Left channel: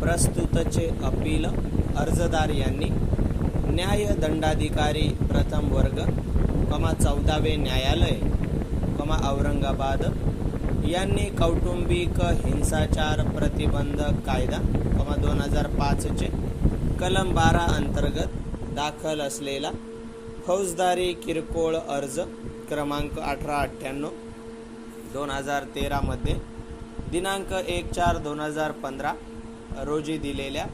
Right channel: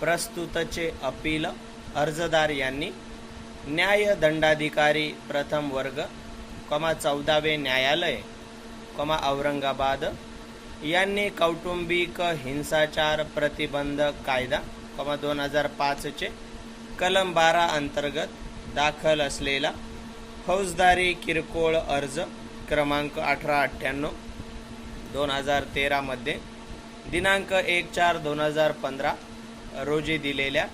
प्रस्तुतचे appeal अर्जदार यांनी न्यायदंडाधिकारी प्रथम वर्ग कमा चौदावे न्यायालय कमा औरंगाबाद यांनी कौटुंबिक हिंसाचार प्रतिबंध कायदा कमा दोन हजार पाचचे कलम बारा अंतर्गत दाखल असलेला फौजदारी किरकोळ अर्ज क्रमांक अठरा अठ्ठ्याण्णव दोन हजार तेरामध्ये दिनांक एक चार दोन हजार पंधरा रोजी दिलेल्या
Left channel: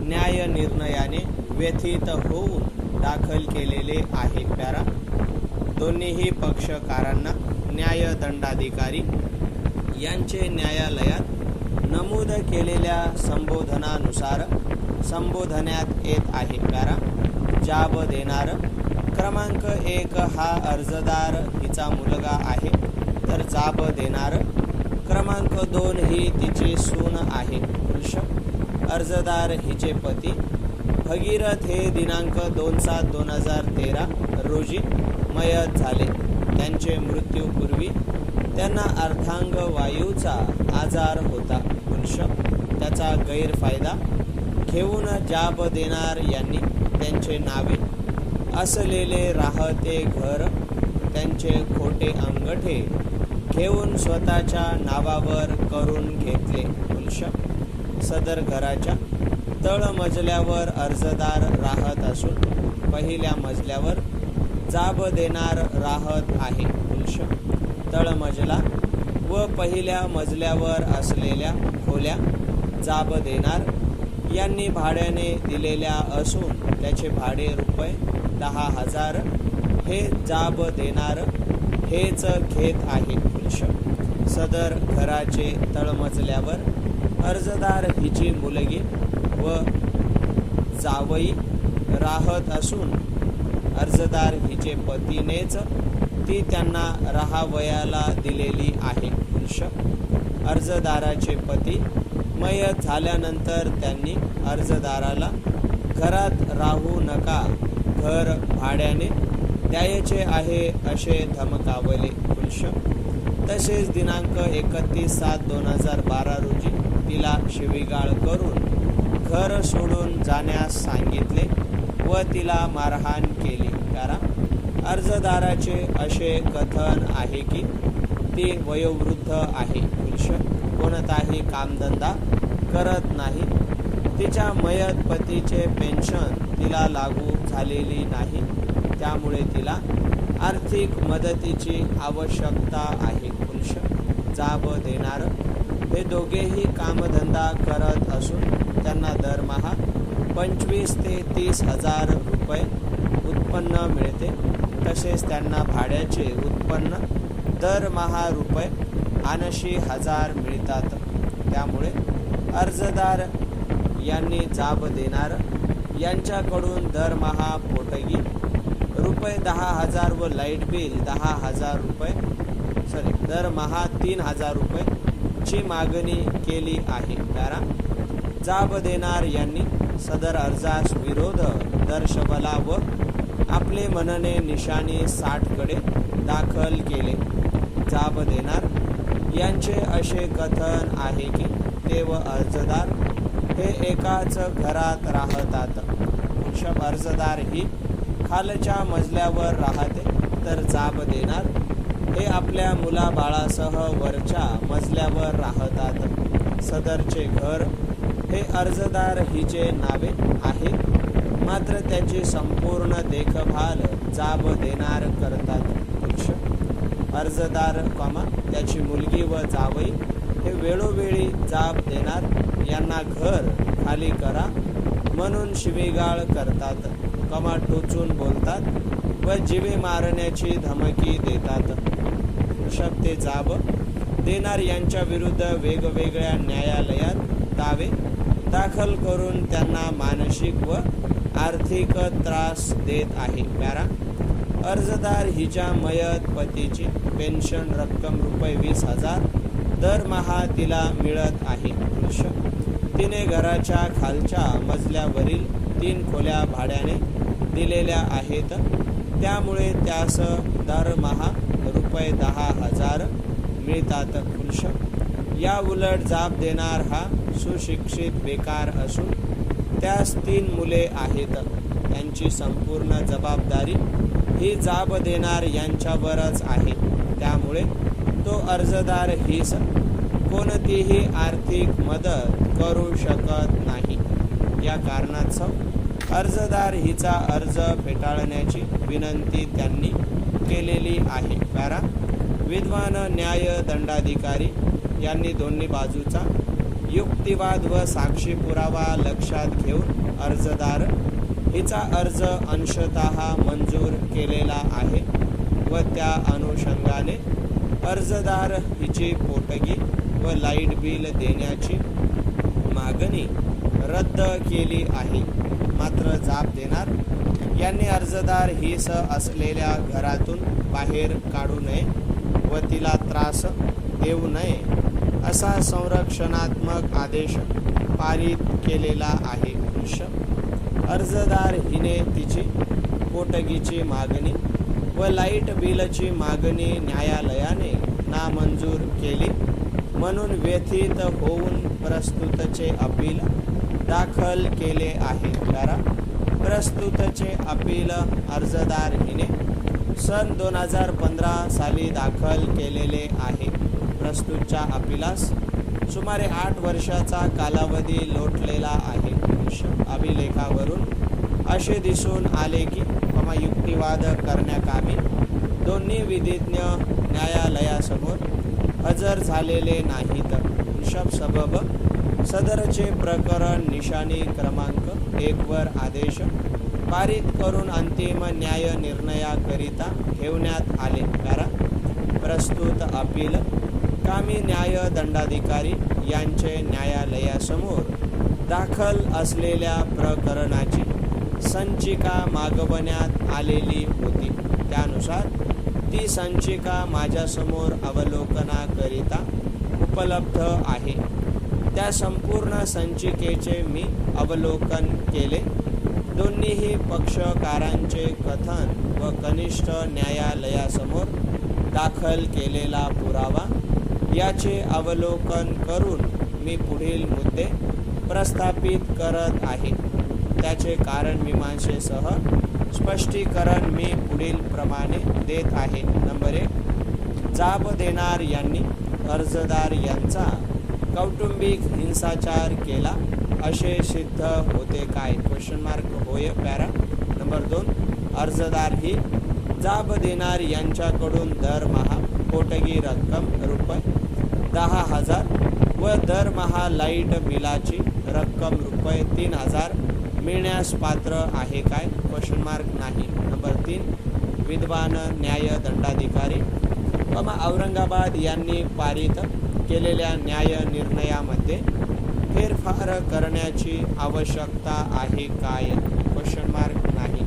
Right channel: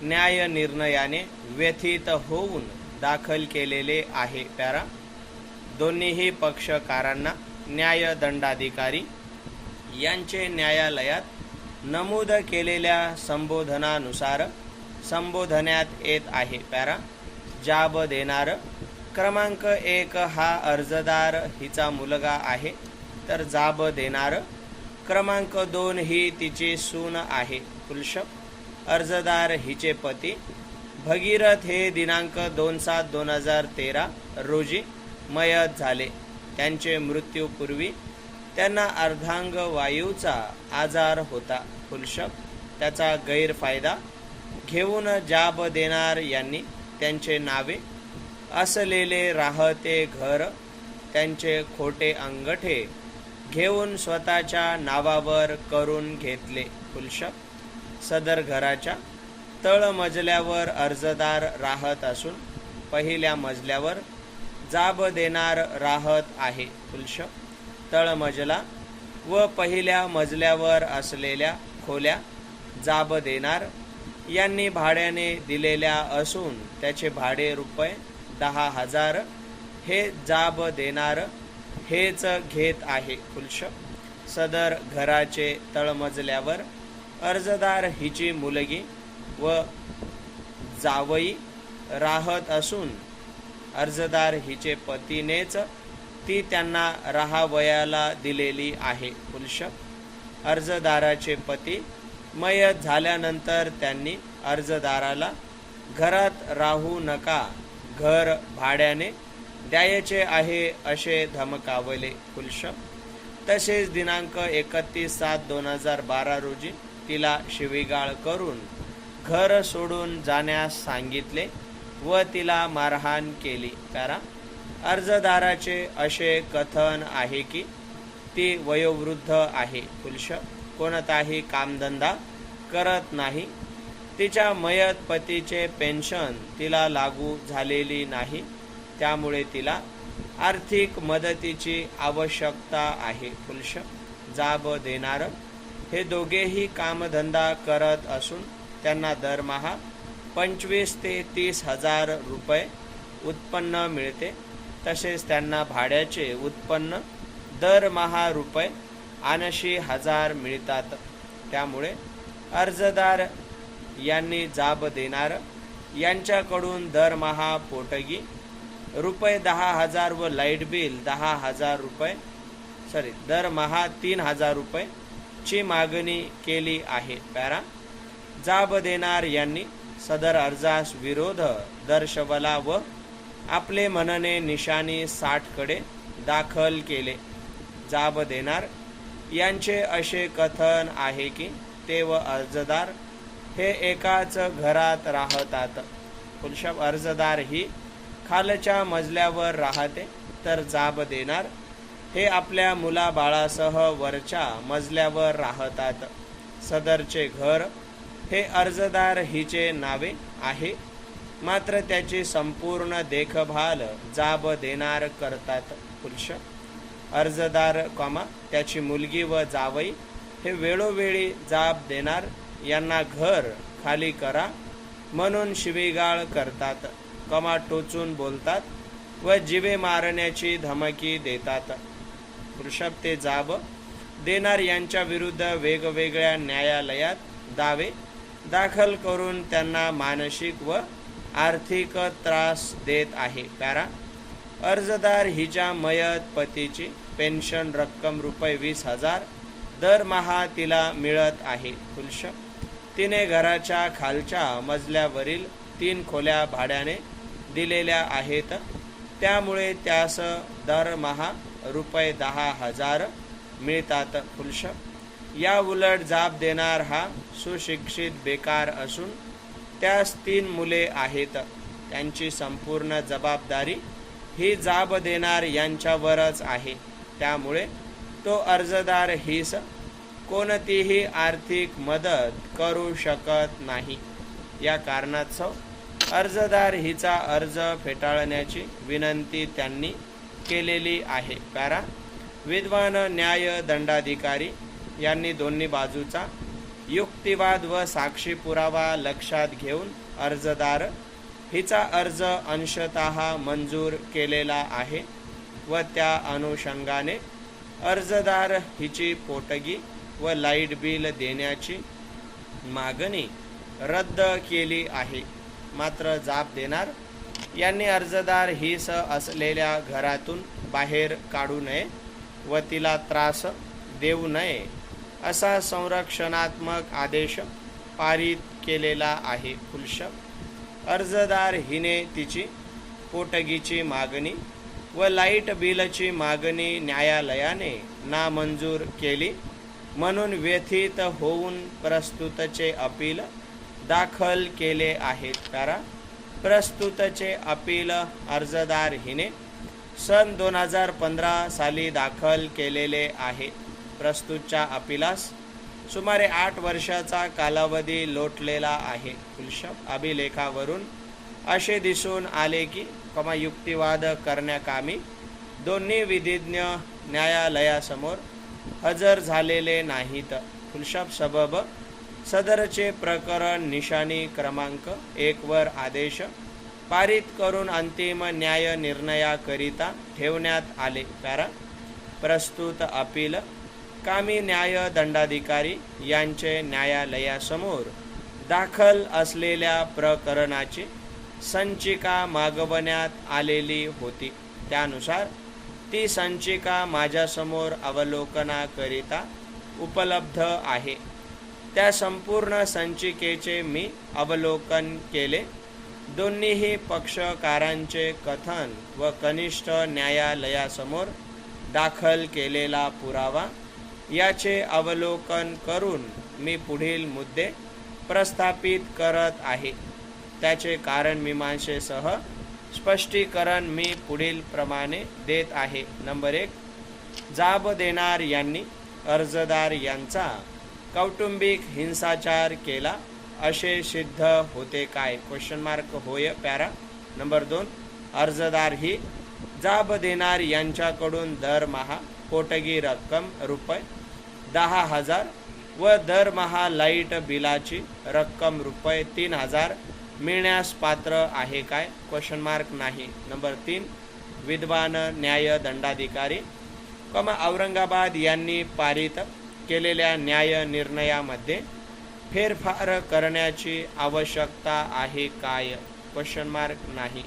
न्याय निर्णयाने व्यथित होऊन दाखल केलेले आहे. पॅरा दोन्हीही पक्षकारांना न्यायदंडाधिकारी यांचे न्यायालयात नमूद केलेल्या संबोधनानुसार संबोधण्यात येत आहे. पॅरा जाब देणार क्रमांक एक हा अर्जदार हिचा मुलगा आहे. तर जाब देणार क्रमांक दोन ही तिची सून आहे. पुरुष अर्जदार हिचे पती भगीरथ हे दिनांक दोन सात दोन हजार तेरा रोजी मयत झाले. त्यांचे मृत्यूपूर्वी त्यांना अर्धांग वायूचा आजार होता. पुरुष त्याचा गैरफायदा घेऊन जाब देणार यांनी त्यांचे नावे असलेले राहते घर त्यांचे खोटे अंगठे घेऊन स्वतःच्या नावावर करून घेतले. पुरुष सदर घराच्या तळमजल्यावर अर्जदार राहत असून पहिल्या मजल्यावर जाब देणार राहत आहे. तुलश. तळमजला व पहिल्या मजल्यावर असलेल्या खोल्या जाब देणार यांनी भाड्याने दिलेल्या असून त्याचे भाडे रुपये दहा हजार हे जाब देणार हेच घेत आहे. पुरुष सदर घराचे तळमजल्यावर अर्जदार हिची मुलगी व जावई राहत असून अर्जदार हिचे पतीनेच ती त्यांना राहावयाला दिलेली आहे. पुरुष अर्जदाराचे पती मयत झाल्यानंतर त्यांनी अर्जदाराला घरात राहू नका घर भाड्याने द्यायचे आहे असे धमकावले. पुरुष तसेच दिनांक एकतीस सात दोन हजार बारा रोजी तिला शिवीगाळ करून घर सोडून जाण्यास सांगितले व तिला मारहाण केली. कारण अर्जदाराचे असे कथन आहे की ती वयोवृद्ध आहे. पुरुष कोणताही कामधंदा करत नाही. तिच्या मयत पतीचे पेन्शन तिला लागू झालेली नाही. त्यामुळे तिला आर्थिक मदतीची आवश्यकता आहे. पुरुष जाब देणारं हे दोघेही कामधंदा करत असून त्यांना दरमहा पंचवीस ते तीस हजार रुपये उत्पन्न मिळते. तसेच त्यांना भाड्याचे उत्पन्न दरमहा रुपये ऐंशी हजार मिळतात. त्यामुळे अर्जदार यांनी जाब देणार. यांच्याकडून दरमहा पोटगी रुपये दहा हजार व लाइट बिल दहा हजार रुपये सॉरी दरमहा तीन हजार रुपये ची मागणी केली आहे. पॅरा जाब देणार यांनी सदर अर्जास विरोध दर्शवला व आपले मनने निशाणी साठकडे दाखल केले. जाब देणार यांचे असे कथन आहे की ते व अर्जदार हे एकाच घरात राहतात. पुरुष अर्जदार ही खालच्या मजल्यावर राहते तर जाब देणार हे आपल्या मुलाबाळासह वरच्या मजल्यावर राहतात. सदरचे घर हे अर्जदार हिचे नावे आहे. मात्र त्याची संपूर्ण देखभाल जाब देणार करतात पुरुष. अर्जदार कॉमा त्याची मुलगी व जावई हे वेळोवेळी जाब देणार यांना घर खाली करा म्हणून शिवीगाळ करतात. कमा टोचून बोलतात व जिवे मारण्याची धमकी देतात. वृषभ ते जाब देणार यांच्या विरुद्ध वेगवेगळ्या न्यायालयात दावे दाखल करून त्यांना मानसिक व आर्थिक त्रास देत आहे. कारण अर्जदार हिच्या मयत पतीची पेन्शन रक्कम रुपये वीस हजार दरमहा तिला मिळत आहे. पुरुष तिने घराच्या खालच्या मजल्यावरील तीन खोल्या भाड्याने दिलेल्या आहेत. त्यामुळे त्यास दरमहा रुपये दहा हजार मिळतात पुरुष. या उलट जाब देणार हा सुशिक्षित बेकार असून त्यास तीन मुले आहेत. त्यांची संपूर्ण जबाबदारी ही जाब देणार यांच्यावरच आहे. त्यामुळे तो अर्जदार हीच कोणतीही आर्थिक मदत करू शकत नाही. या कारणास्तव अर्जदार हिचा अर्ज फेटाळण्याची विनंती त्यांनी केलेली आहे. कारण विद्वान न्याय दंडाधिकारी यांनी दोन्ही बाजूचा युक्तिवाद व साक्षी पुरावा लक्षात घेऊन अर्जदार हिचा अर्ज अंशतः मंजूर केलेला आहे व त्या अनुषंगाने अर्जदार हिची पोटगी व लाइट बिल देण्याची मागणी रद्द केली आहे. मात्र जाब देणार यांनी अर्जदार हिस असलेल्या घरातून बाहेर काढू नये व तिला त्रास देऊ नये असा संरक्षणात्मक आदेश पारित केलेला आहे पुरुष. अर्जदार हिने तिची पोटगीची मागणी व लाइट बिलची मागणी न्यायालयाने नामंजूर केली. म्हणून व्यथित होऊन प्रस्तुतचे अपील दाखल केले आहे. कारण प्रस्तुतचे अपील अर्जदार हिने सन दोन हजार पंधरा साली दाखल केलेले आहे. प्रस्तुतच्या अपिलास सुमारे आठ वर्षाचा कालावधी लोटलेला आहे. अभिलेखावरून असे दिसून आले की कमा युक्तिवाद करण्याकामी दोन्ही विधिज्ञ न्यायालयासमोर हजर झालेले नाहीत. वृषभ सबब सदरचे प्रकरण निशाणी क्रमांक एकवर आदेश पारित करून अंतिम न्याय निर्णयाकरिता ठेवण्यात आले. कारण प्रस्तुत अपील कामी न्याय दंडाधिकारी यांचे न्यायालयासमोर दाखल असलेल्या प्रकरणाची संचिका मागवण्यात आलेली होती. त्यानुसार ती संचिका माझ्यासमोर अवलोकनाकरिता उपलब्ध आहे. त्या संपूर्ण संचिकेचे मी अवलोकन केले. दोन्हीही पक्षकारांचे कथन व कनिष्ठ न्यायालयासमोर दाखल केलेला पुरावा याचे अवलोकन करून मी पुढील मुद्दे प्रस्थापित करत आहे. त्याचे कारण मीमांसेसह स्पष्टीकरण मी पुढील प्रमाणे देत आहे. नंबर एक जाब देणार यांनी अर्जदार यांचा कौटुंबिक हिंसाचार केला. असे सिद्ध होते काय? क्वेश्चन मार्क होय पॅरा नंबर दोन. अर्जदार ही जाब देणार यांच्याकडून दरमहा कोटगी रक्कम रुपये दहा हजार व दरमहा लाइट बिलाची रक्कम रुपये तीन हजार मिळण्यास पात्र आहे काय? क्वेश्चन मार्क नाही. नंबर तीन. विद्वान न्याय दंडाधिकारी कम औरंगाबाद यांनी पारित केलेल्या न्याय निर्णयामध्ये फेरफार करण्याची आवश्यकता आहे काय? क्वेश्चन मार्क नाही.